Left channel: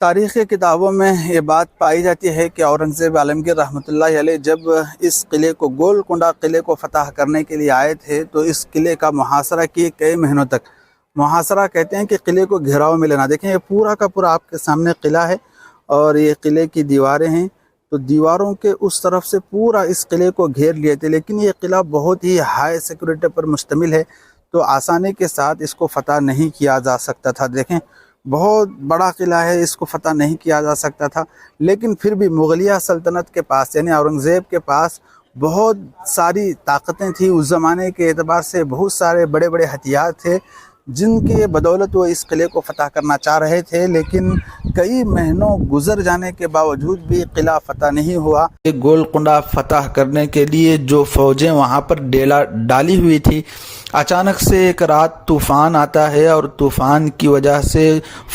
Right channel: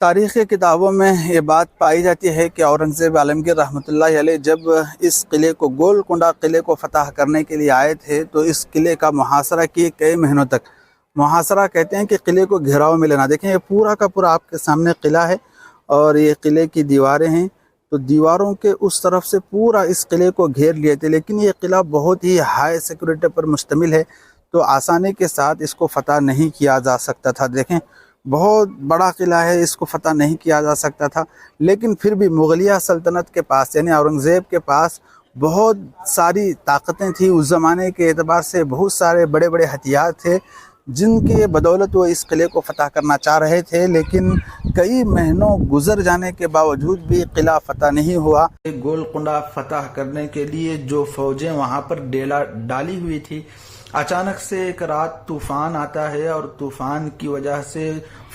تاریخی کتابوں میں یہ بات پائی جاتی ہے کہ اورنگزیب عالمگیر رحمۃ اللہ علیہ جب اس قلعے کو گولکنڈہ قلعے کو فتح کرنے کے لیے آئے تھے تو اس قلعے کا محاصرہ کیے کئی مہینوں تک۔ محاصرہ کہتے ہیں کہ قلعے کو گھیراؤ میں لینا۔ دیکھیں یہ پورا کا پورا آپ کے سامنے قلعہ ہے اور یہ قلعے کی دیواریں ہیں، تو دیواروں کے اس طرف سے پورا اس قلعے کو گھیر لیے تھے، لیکن یہ قلعہ بہت ہی ہائی سیکورٹی پر مشتمل ہے تو آسانی کے ساتھ اس کو فتح نہیں کیا جا سکتا تھا۔ دیکھیں بہت بڑا قلعہ ہے، اس کو فتح نہیں کیا جا سکتا تھا، لیکن پھر بھی مغلیہ سلطنت کے پاس یعنی اورنگزیب کے پاس بہت ساری طاقتیں تھیں۔ اس زمانے کے اعتبار سے بہت سارے بڑے بڑے ہتھیار تھے جن کی بدولت وہ اس قلعے کو فتح کرنا چاہ رہے تھے، لیکن کئی مہینوں گزر جانے کے باوجود بھی قلعہ فتح نہیں ہوا۔ گولکنڈہ فتح کرنے کے لیے جو فوجیں وہاں پر ڈالی ہوئی تھی، اچانک سے ایک رات طوفان آتا ہے اور طوفان کی وجہ سے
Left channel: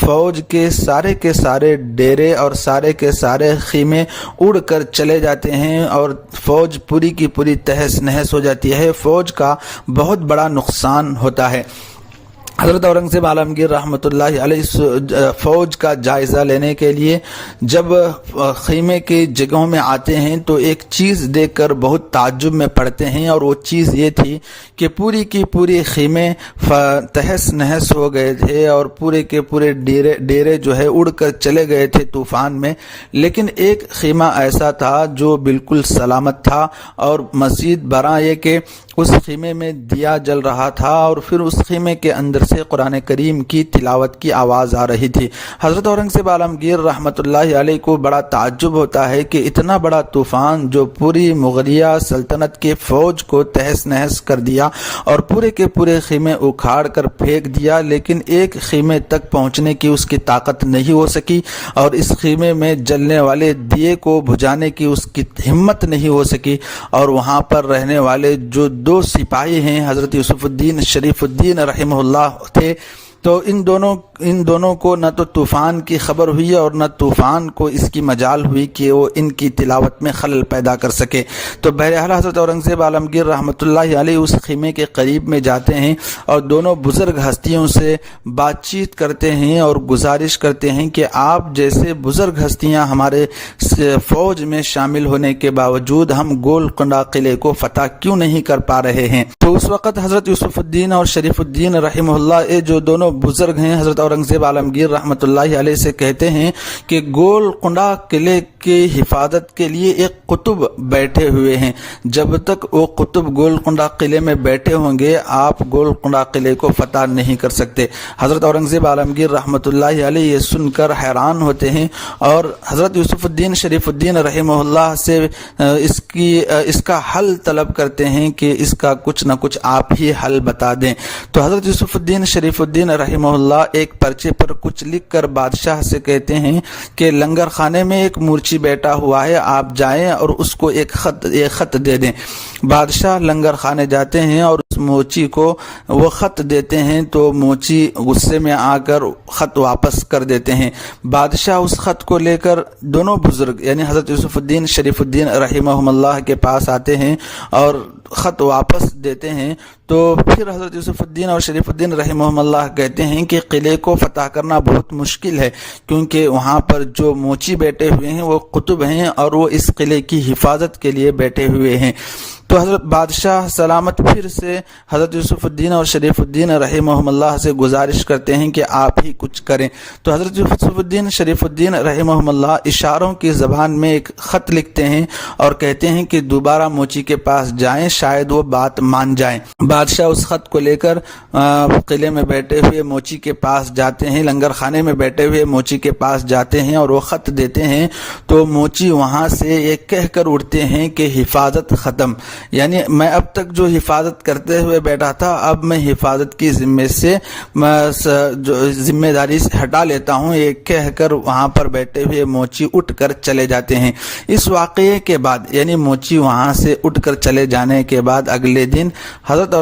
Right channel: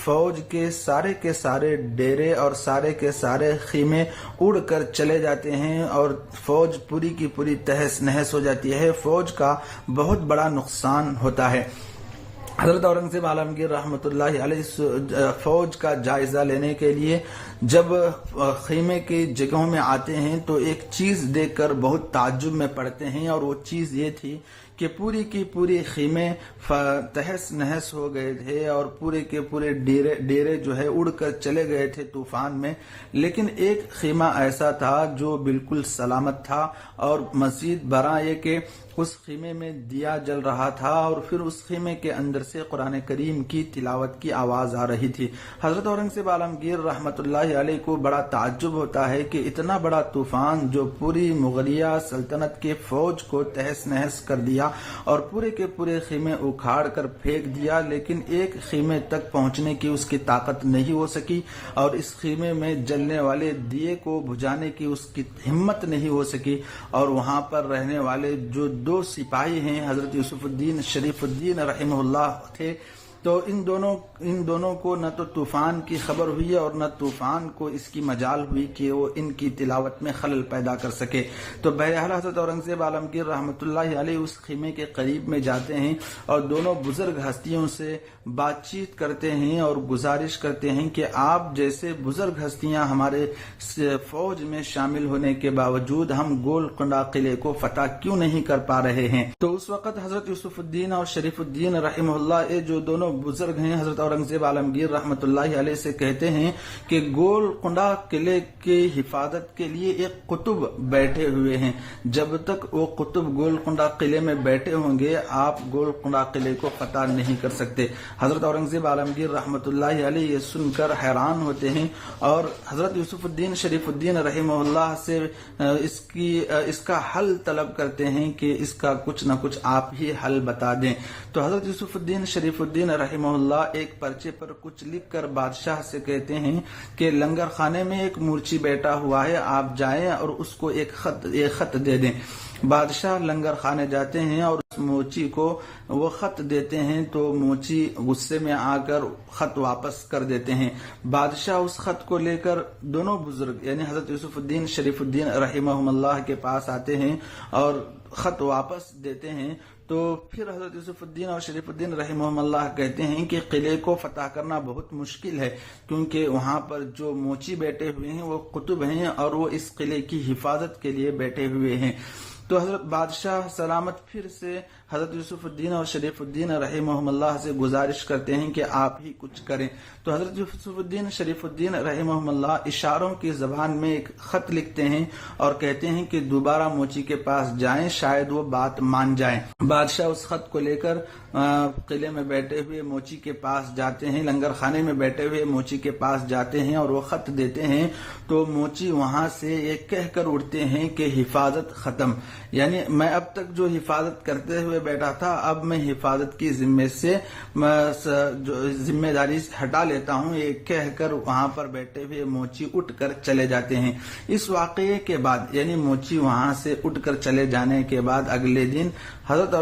فوج کے سارے ڈیرے اور سارے کے سارے خیمے اڑ کر چلے جاتے ہیں اور فوج پوری کی پوری تہس نہس ہو جاتی ہے۔ فوج کا بہت بڑا نقصان ہوتا ہے۔ حضرت اورنگزیب عالمگیر رحمۃ اللہ علیہ فوج کا جائزہ لینے کے لیے جب خیمے کی جگہوں میں آتے ہیں تو ایک چیز دیکھ کر بہت تعجب میں پڑتے ہیں، اور وہ چیز یہ تھی کہ پوری کی پوری خیمے تہس نہس ہو گئے تھے اور پورے کے پورے ڈیرے جو ہے اڑ کر چلے گئے تھے طوفان میں، لیکن ایک خیمہ ایسا تھا جو بالکل سلامت تھا، اور مزید برآں یہ کہ اس خیمے میں دیا جل رہا تھا اور پھر اس خیمے کے اندر سے قرآن کریم کی تلاوت کی آواز آ رہی تھی۔ حضرت اورنگزیب عالمگیر رحمۃ اللہ علیہ کو بڑا تعجب ہوتا ہے کہ اتنا بڑا طوفان جو پوری مغلیہ سلطنت کے فوج کو تہس نہس کر دیا اور پورے کے پورے خیمے اکھاڑ کر پھینک دیا، لیکن ایک خیمے تک پہنچنے کی اس کی طاقت نہیں ہو سکی، اور اس خیمے میں جلنے والے دیے کو بجھانے کی اس کی ہمت نہیں ہو سکی، اور وہاں پر رہنے والے جو دو سپاہی ہیں حضرت یوسف الدین شریف الدین رحمہ اللہ تھے، تو ان دونوں کو نہ تو طوفان کی خبر ہوئی اور نہ طوفان کو اس کی مجال ہوئی کہ وہ ان کی تلاوت میں خلل پیدا کر سکے۔ تو بہرحال حضرت اورنگزیب عالمگیر رحمۃ اللہ علیہ اس خیمے کے قریب میں جاتے ہیں اور دونوں بزرگ ہستیوں سے بات چیت کرتے ہیں اور گزارش کرتے ہیں کہ آپ جیسے بزرگ ہستیاں ہمارے فوج میں شامل ہونے کے باوجود ہم گولکنڈہ قلعے کو فتح کیوں نہیں کر پا رہے ہیں۔ تو اس وقت حضرت یوسف الدین اور شریف الدین رحمہ اللہ جو دونوں بزرگ ہیں حضرت اورنگزیب عالمگیر رحمۃ اللہ علیہ سے کہتے ہیں کہ گولکنڈہ قلعے کی حفاظت کے لیے ایک قطب بیٹھے ہوئے ہیں، جب تک وہ قطب گولکنڈہ قلعے میں بیٹھے ہوں گے آپ گولکنڈہ قلعے کو فتح نہیں کر سکتے۔ حضرت اورنگزیب عالمگیر رحمۃ اللہ علیہ یہ سن کر حیران ہوتے ہیں اور حضرت یوسف الدین شریف الدین رحمہ اللہ سے اس کا حل طلب کرتے ہیں کہ اس کا کچھ نہ کچھ آپ ہی حل بتا دیں۔ تو حضرت یوسف الدین شریف الدین رحمہ اللہ ایک پرچے پر کچھ لکھ کر بادشاہ سے کہتے ہیں کہ لنگر خانے میں ایک مورچی بیٹھا ہوا ہے، آپ جائیں اور اس کو ایک خط دے دیں۔ بادشاہ لنگر خانے جاتے ہیں اور اس موچی کو وہ خط دیتے ہیں تو موچی غصے میں آ کر خط واپس کر دیتے ہیں۔ بادشاہ اس خط کو لے کر دونوں بزرگ یعنی حضرت یوسف الدین شریف الدین رحمہ اللہ کے پاس آتے ہیں اور خط واپس دیتے ہیں۔ تو پھر حضرت یوسف الدین اور شریف الدین رحمہ اللہ کہتے ہیں کہ قلعے کو فتح کرنا بہت مشکل ہے، کیونکہ وہاں پر جو موچی بیٹھے ہوئے ہیں وہ قطب ہیں اور وہ اس قلعے کی حفاظت کے لیے بیٹھے ہوئے ہیں۔ تو حضرت بادشاہ سلامت پھر سے حضرت یوسف الدین اور شریف الدین رحمہ اللہ سے گزارش کرتے ہیں کہ آپ ہی کچھ کریں۔ تو حضرت یوسف الدین شریف الدین رحمہ اللہ اشاروں کی زبان میں ایک خط لکھتے ہیں اور کہتے ہیں کہ دوبارہ موچی کے پاس جائیں، شاید وہ بات مان جائیں۔ بادشاہ اس خط کو لے کر قلعے میں بیٹھے ہوئے موچی کے پاس جاتے ہیں، لنگر خانے میں بیٹھے ہوئے موچی کے پاس جاتے ہیں اور وہ خط دیتے ہیں تو موچی وہاں سے یہ کہہ کر اڑتے ہیں کہ حفاظت ختم، یعنی میں اب تک جو حفاظت کرتے ہوئے بیٹھا تھا اب میں حفاظت کی ذمہ داری سے ہٹا لیتا ہوں، یہ کہہ کر وہاں پر بیٹھے ہوئے موچی اٹھ کر چلے جاتے ہیں۔ اس واقعے کے بعد یعنی موچی وہاں سے اٹھ کر چلے جانے کے بعد اگلے دن حضرت